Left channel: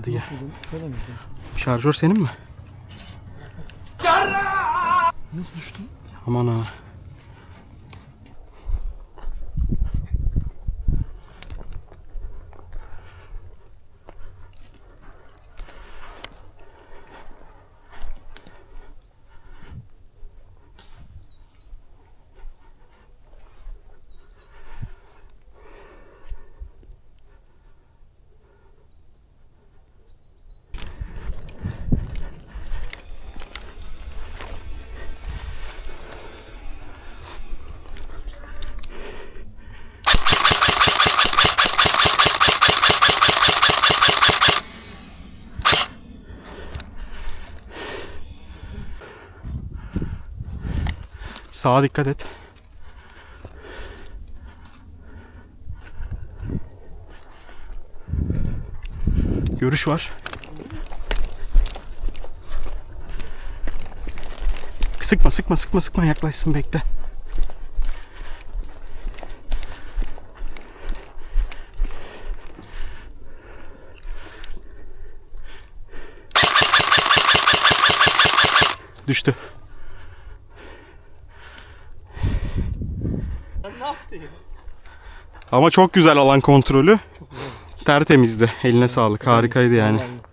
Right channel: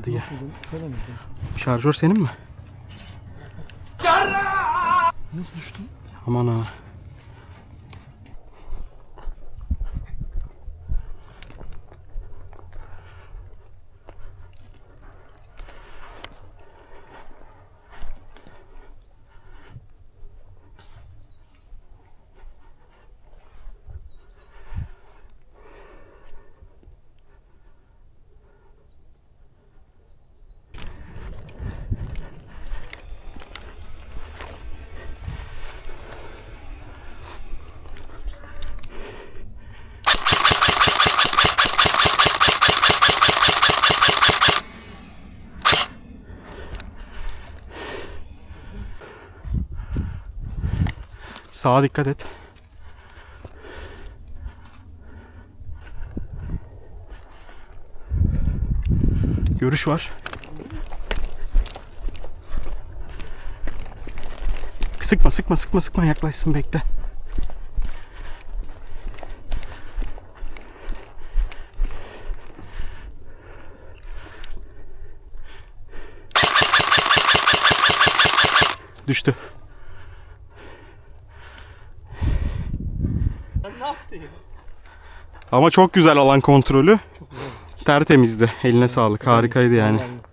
Hadi gel. Şöyle mi? Şarjör senin mi? Nasıl düştün? Aman ha. Sağa dikkat et. Görüş var. Sıkma yaklaşsın, bekle. Düştü. Ben ne yaptım? Ama çok güzel alan kontrolü. Çok güzel. Tertemizdi. Eline sağlık. Harikaydı yani. Vallahi.